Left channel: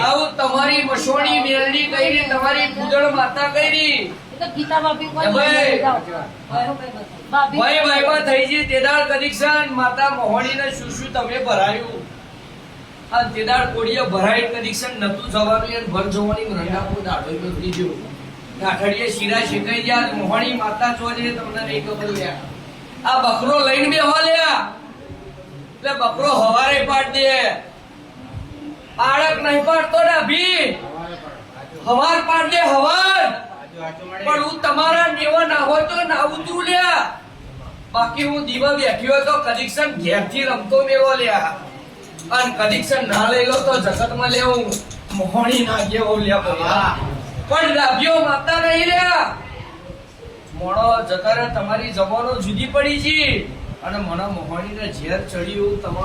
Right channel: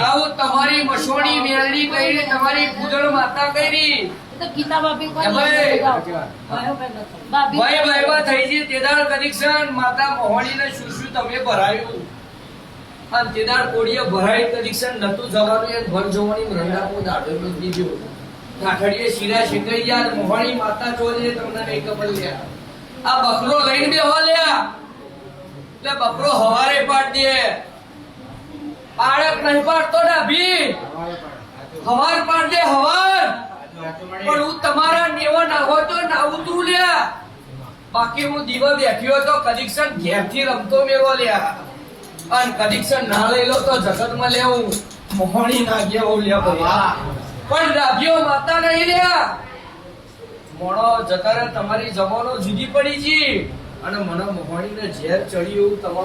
આવું તમારી મસોણી મેલડી કરી, તમારી પૂજણ માતા કરી, ભાઈ થઈ છે તેદાળ કદીક્ષણ માતા મોહણીને શું શું તમે ભરાયું અને તેદાળ કોડીએ ભરાય કદીક્ષણ નતું જવાનું એ ભર જોવાની રંગાપો દાડો નીકળી ગયો કાઠડીએ શીરા શેકાઈ ગયા મોહણી માતા જોઈને તમને નહીં ખબર લ્યા આ બકરો લઈને બેહો લ્યા એટલે બકરો હવારે પાડ દે બાળક નહીં પાડતો ડાભી હવાર પાડ દે હવાર પણ હું તમારા નેવા ના હોય તો નાવું તું લ્યા બાકી હું દીવા બેઠ્યો તો કદીક્ષણ ઘેરથી રમતો મેળવો લ્યા અને કદીક્ષણ ના લઈ લો તો જગતમાં લેવું મોહણી ના ગયો લ્યા પણ ડાભ્યો માતા નહીં લ્યા મોણો જતા તમારી જવાનો જુદી પડી છે અને મને મોહણીને ઝેર ચડ્યું તમારું